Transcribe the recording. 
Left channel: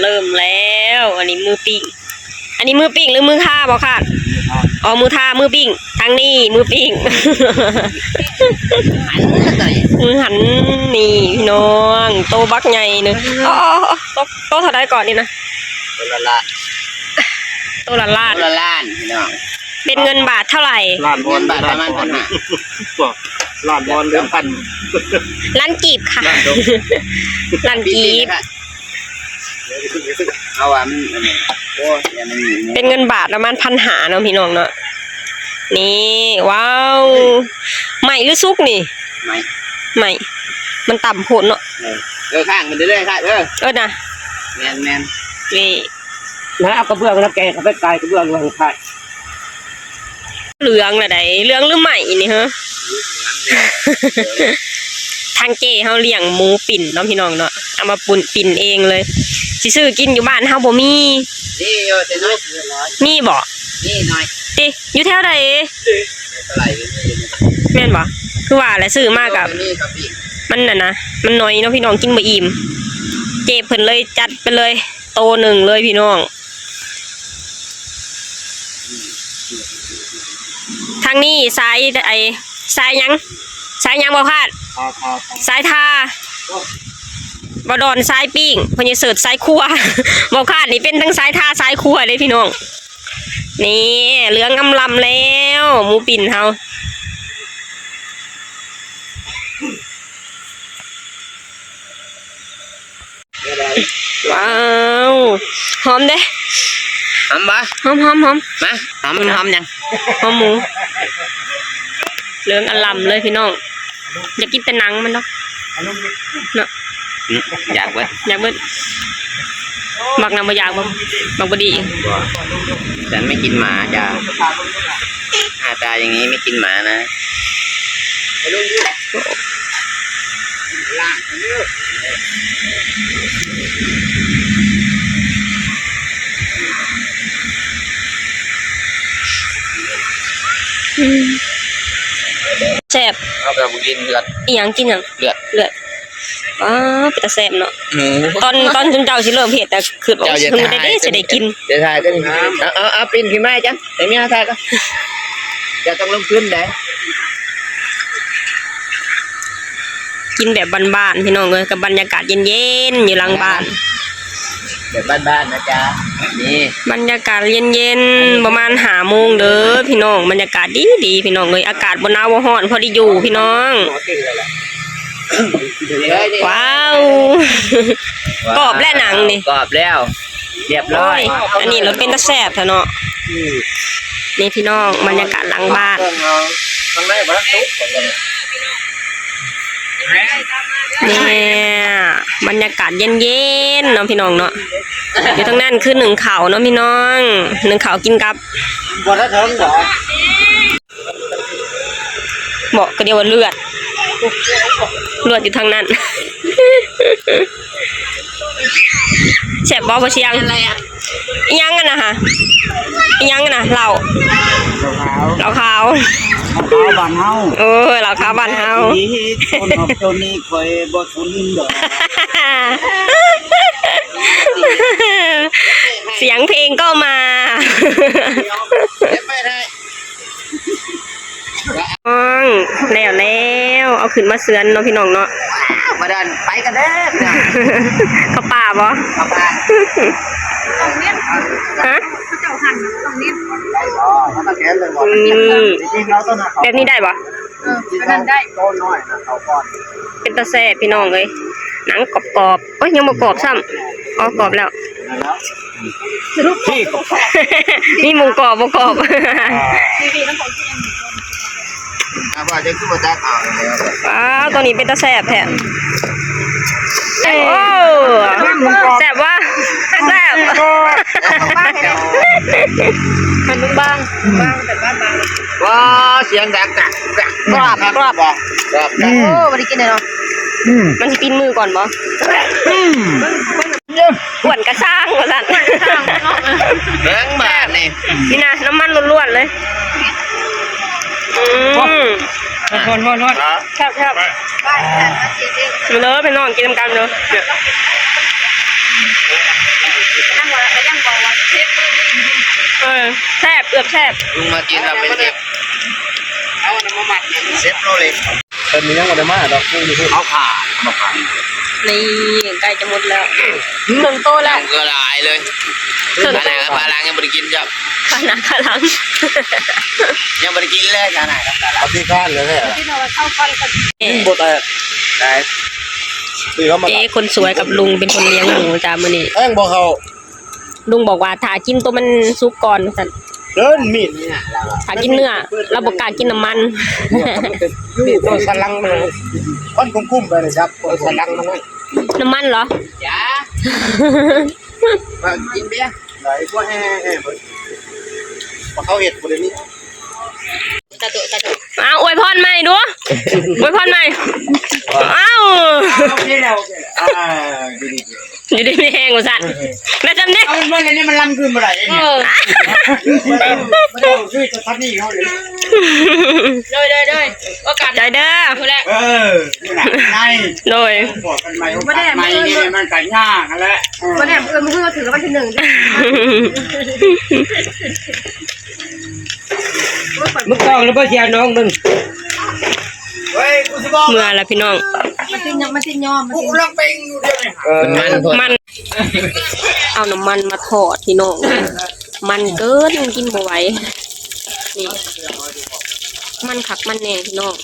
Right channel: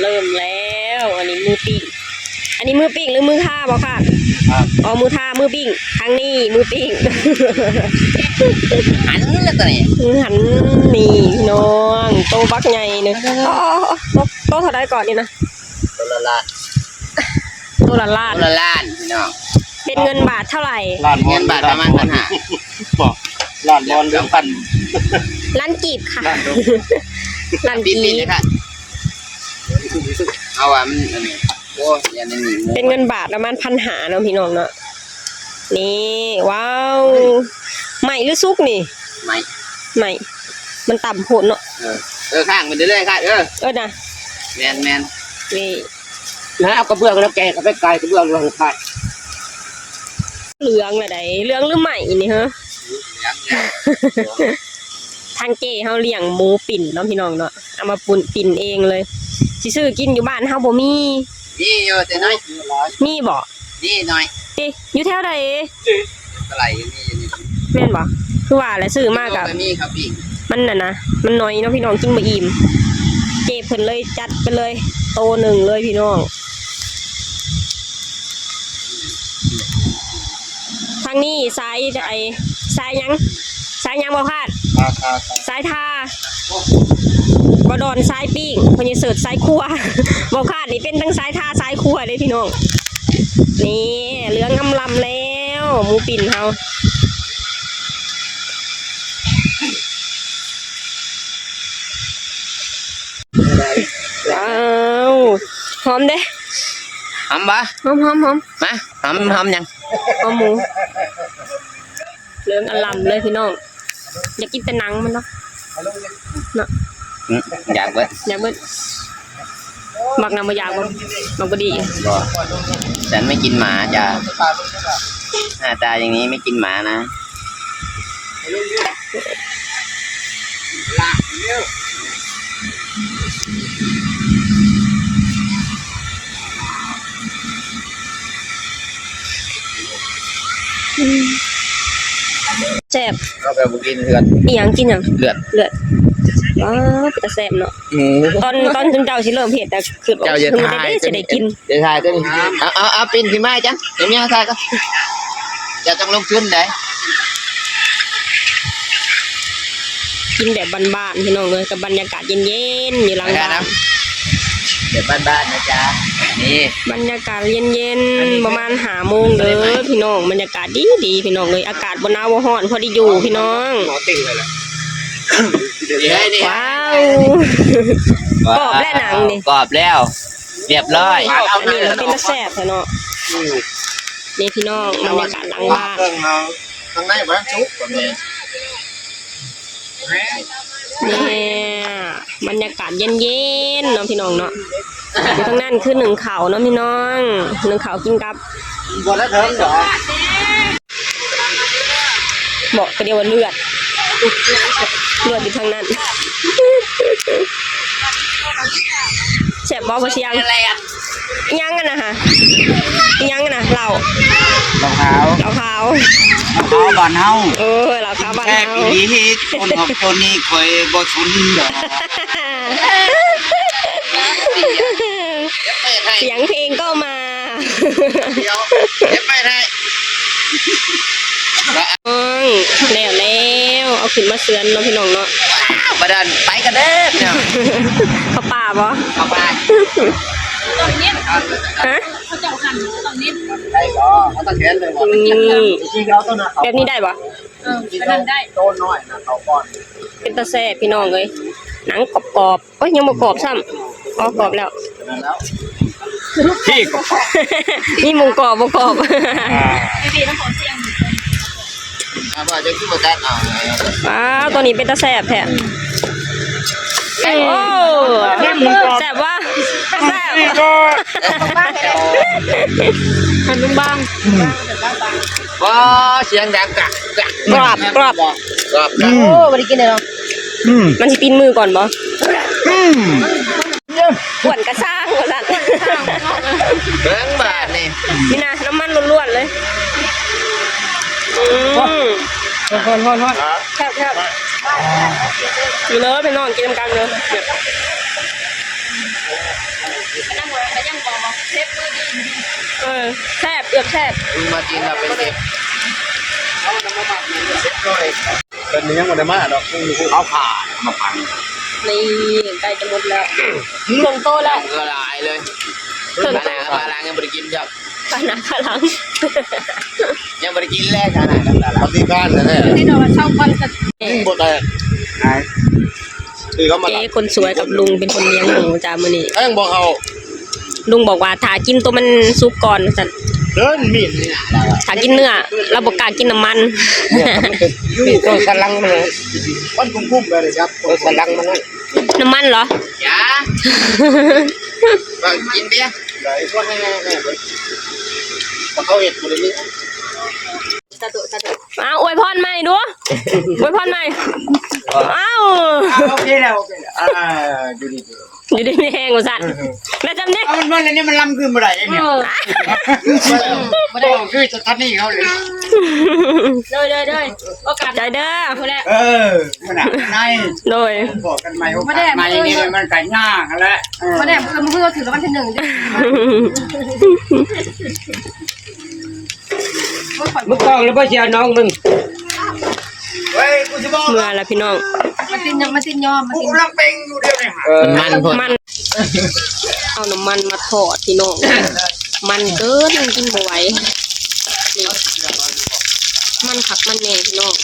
เริ่มแล้วอันนี้มือปิ้งหรือมือท่าบอกค่ะอ๋อมือท่ามือปิ้งทางนี้มือปิ้งมือหันนี่พี่น้องโตบักใหญ่เนอะอ๋อโตเท่าไรก่อนนี่นะโตละล้านพี่น้องเป็นเงินบาทเท่าไหร่เงินบาทประมาณ1,500ล้านวอน1,000ล้านกีบค่ะล้านกีบเอาว่ามันอันนี้โอ้ยเป็นเงินบาทประมาณ1,500เนาะพี่น้องเนาะนี่ว้าวใหม่หรือซุกนี่ใหม่มันต่ำโผล่เนาะข้างมันเรื่อยๆค่ะนะแมนนี่นะเอากระเบื้องแล้วแกเขาไปไกลกระเบื้องลงไข่เหลืองอะไรเหลืองหรือใหม่นี่ฮะทางเจ้เขาเลี้ยงหมูปิ่นเนาะพี่น้องเนาะเอามาปิ่นเองเลยสิซื้อกินอยู่บ้านเฮาบ่มีนี่อยู่แต่น้อยมีบ่นี่น้อยติอยู่แถวใดไหลแม่นบ่คือว่าแหละซื้อมากกับมันน่ะนะมันน้อยเนาะพี่น้องกินบ่อิ่มเจ้เพิ่นเลยจัดไปเลยโตหนึ่งเลยพี่น้องทางนี้สายยังบ่พลาดสายทาบ่ดอนสายปิ้งพญเสิร์ชสายครัวบ่พลาดนี่เป็นทั้งสายทาสายครัวเลยพี่น้องนี่เหลืองอำลำแล้วหมูปิ่นเฮาว้าวหอมเด้หอมปะหอมมาหอมยังหอมหมูเหลืองอลำเลยพี่น้องอยากกินแต่หนังมันเนาะอยากเบิดมักนำมาอยากบ่มักบ่ดีฉันไม่กินหมาจ้ะหน้าตาอย่างนี้ไม่กินหมานะแซ่บเอาไปกินเลือดอีหยังกินหยังเลือดว้าแต่แซ่บเนาะตอนจนเจ้าสิเริ่มเผ็ดแต่คือบอกคือบ่ได้สิได้กินเดี๋ยวถ่ายก็นี่เอาปิ่นพี่ไม้จังเดี๋ยวนี้ถ่ายก็จะต้องลงทุนได้กินแบบบ้านๆพี่น้องเลยกับบรรยากาศเย็นๆอยู่หลังบ้านแบบบ้านๆนะจ๊ะนี่บรรยากาศเย็นๆประมาณ5 โมงเด้อพี่น้องบรรยากาศดีพี่น้องเลยอากาศบ่หนาวบ่ร้อนพอดีอยู่พี่น้องว้าวกรอบและหนังนี่กรอบแล้วเรียบร้อยอันนี้เราเป็นตะแซ่บเนาะนี่พี่น้องบรรยากาศหลังบ้านนี่บรรยากาศเย็นๆเนาะพี่น้องเนาะอยู่ทางนั้นคือ1ข้าวเนาะพี่น้อง1ข้าวกินกับบอกก็เดียวว่าเลือดอยู่ทางนั้นแซ่บบ่เชียงยังกันนะฮะยังกันนะเหล้าขาวบ้านเฮาเหล้าขาวบ้านเฮาคนออกจนนี่คอยบ่สนดอกเสียงเพลงก็มาเดี๋ยวไปได้แล้วเอาขึ้นมาเสือนเนาะพี่น้องเนาะมาดันไปกันเด้อเขาป่าบ่เขาป่าฮะเขาเจ้าหั่นต้องเน้นได้บ่เขาต้องเห็นเลยบ่จริงๆเราต้องนะแบบนี้ได้บ่ได้โตน้อยนะเขาก้อนเป็นตะแซ่พี่น้องเลยหนังกรอบๆโอ้ยยังบ่กรอบซ้ำอ๋อกรอบแล้วพี่กรอบนี่หมูกรอบบ่กรอบพี่ต้องขอเสียงว่าจะคือบ่ตัดตัวนี้เป็นตะแซ่บแท้โอ้แซ่บว่าแซ่บเป็นบ้างแต่บ้างว้าเสียงดังกรอบโอ้บ่ได้กินเลยเนาะมันสิตีนมือก่อนบ่อ้วนกระช่างว่าซั่นแข็งมากนี่นะน้ำมันล้วนๆเลยแซ่บมาเลยไปนอนกินกันเลย นั่งว่ายังบอกว่าเทปเบอร์ดี แซ่บเอือกแซ่บ ลุงมากินเราเป็นเด็กเอาน้ำมันเซ็ตเลย เป็นมีน้องมาได้มาดอกเอาขามาพัง นี่ใกล้จะหมดแล้วเครื่องโตแล้ว ก็ลายเลย เครื่อง ข โต นาดปลาล้างยังไม่ได้กินจับ ขนาดขลัง ยังไม่ได้กินเลยขนาดปลาล้าง เอาที่ก้านเลยเนี่ย ที่เราเข้ากันกับ บดแต่ไหนตีเขามา เจ๊คนสวยกับลุงเป็นคนเลี้ยงหมูจ้ามื้อนี้ แอ้งบอกเขา ลุงบอกว่าถ้ากินตัวมันสุกก่อนสั่น เดินมีดเนี่ยเรา ถ้ากินเนื้อเราบ่กล้ากินน้ำมัน อยู่ตรงสันลังมันเลยก้อนคุ้มๆไปเลยครับสันลังมันเลย น้ำมันเหรอ จ้ากินเบี้ย ไหนพวกแห่พอเขาเห็ดกูเลยนี่ อ้าวอวยพรใหม่ดูอวยพรใหม่อ้าว โอเคแล้วโอเคดี อยู่ดีไม่แห้งกูสั่นแล้วจำเนี่ย มันอะไรเนี่ยมันลำขึ้นมาไหนเนี่ยไม่ได้คือจะทัดนี่เขาเลย เลยโอกาส ใจเด้อ คนแรก มันไหน โดย บอกกันใหม่โอกาสใหม่นี่มันกันยากแล้ว คนแรกเมื่อถือแล้ววันที่1 มึงกองแล้วพ่อเชียร์น้องมึงเฮ้ยกูจะบอก เมื่อแล้วพี่น้อง มันติดยอม กูกำลังเป็งอยู่เดียวเนี่ย มันเอาน้ำมันมาทอดพี่น้องมันเกินกินบ่ไหวนี่มันขักมันแหน่พี่น้อง